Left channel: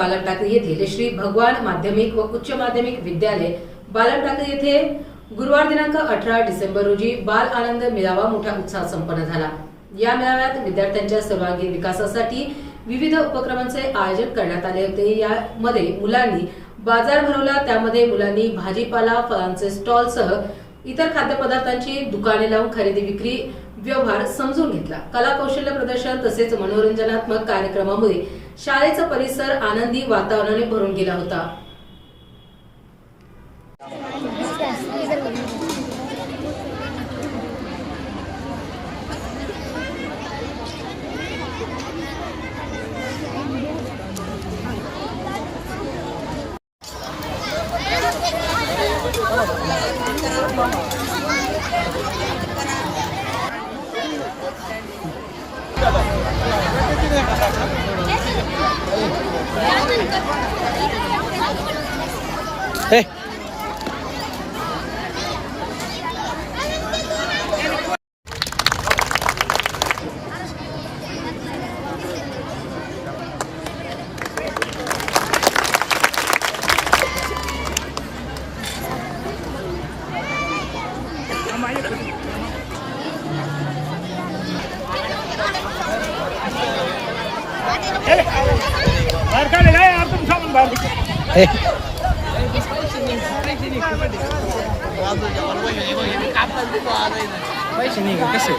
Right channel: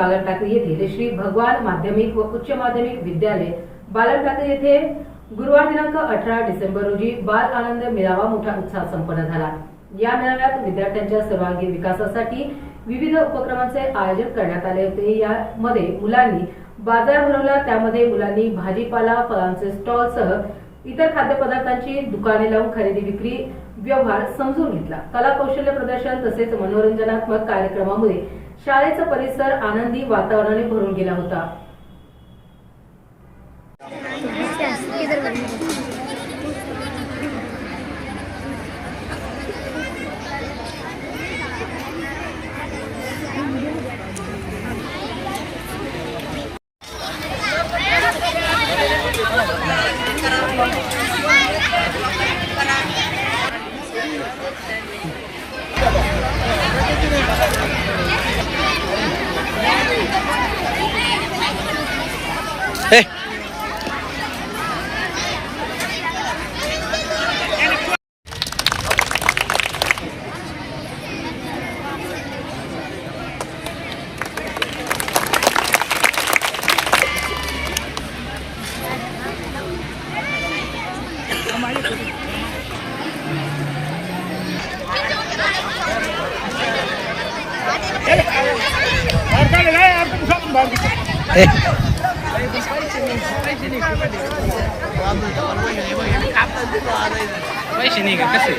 बालन टाकळी येथील श्री भगवान माध्यमिक व उच्च माध्यमिक विद्यालय बालन टाकळी येथे गुरुवार दिनांक 18 डिसेंबर रोजी बाल आनंद मेळावा मोठ्या उत्साहात संपन्न झाला। या मेळाव्यात विद्यार्थ्यांच्या सर्वांगीण विकासासाठी विविध उपक्रमांचे आयोजन करण्यात आले होते। यामध्ये मुलांनी बाजार भरवला, त्यामध्ये मुलांनी भाजीपाला, फळांचे स्टॉलसह इतर खाद्यपदार्थांची दुकाने लावून खरेदी विक्री व्यवहार समजून घेतला। कला कौशल्य प्रदर्शन तसेच मनोरंजनात्मक कार्यक्रमामुळे शाळेचा परिसर आनंदी वातावरणाने भरून गेला होता। Hey. Hey. पैसे नाही का कसं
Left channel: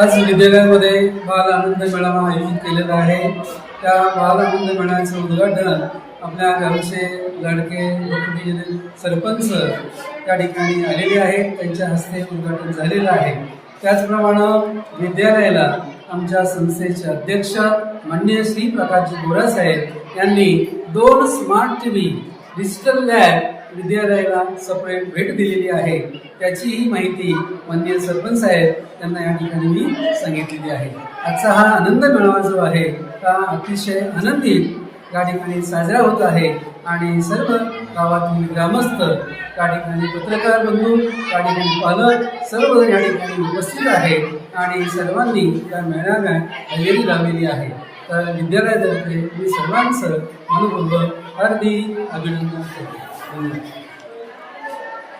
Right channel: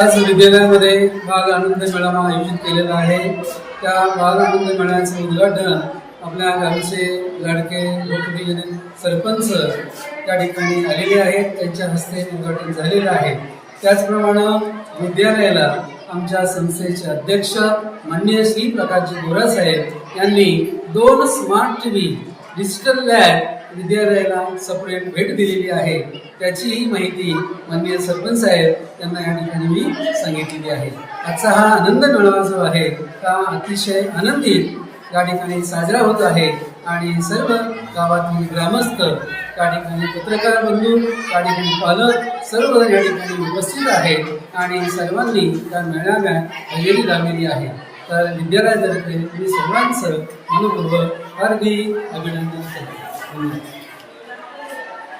आज विद्यालयामध्ये बाल आनंद मेळावा आयोजित केलेला आहे। त्या बाल आनंद मेळाव्याचं उद्घाटन आपल्या गावचे लाडके लोकप्रिय सरपंच त्या ठिकाणी आलेले आहेत, त्यांच्या हस्ते उद्घाटन झालेलं आहे। त्याचप्रमाणे विद्यालयाला आमच्या संस्थेचे अध्यक्ष माननीय श्री प्रकाशजी गोरा साहेब यांनी 2 स्मार्ट टीव्ही डिजिटल लॅब विद्यालयाला सेपरेट भेट दिलेली आहे। त्याचीही माहिती माननीय सरपंच साहेब यांना या ठिकाणी मी सांगितलेली आहे। आजचा हा आनंद मेळावा जो आहे हा अतिशय आनंदित या ठिकाणी साजरा होत आहे आणि सर्व गावातील ग्रामस्थ त्या ठिकाणी, पत्रकार बंधू त्या ठिकाणी, पालक सर्व या ठिकाणी उपस्थित आहेत आणि सर्वांनी त्या मेळाव्यात हजेरी लावलेली आहे। तर विद्यालयातर्फे मी सर्वांचं मनपूर्वक हार्दिक अभिनंदन करतो। धन्यवाद।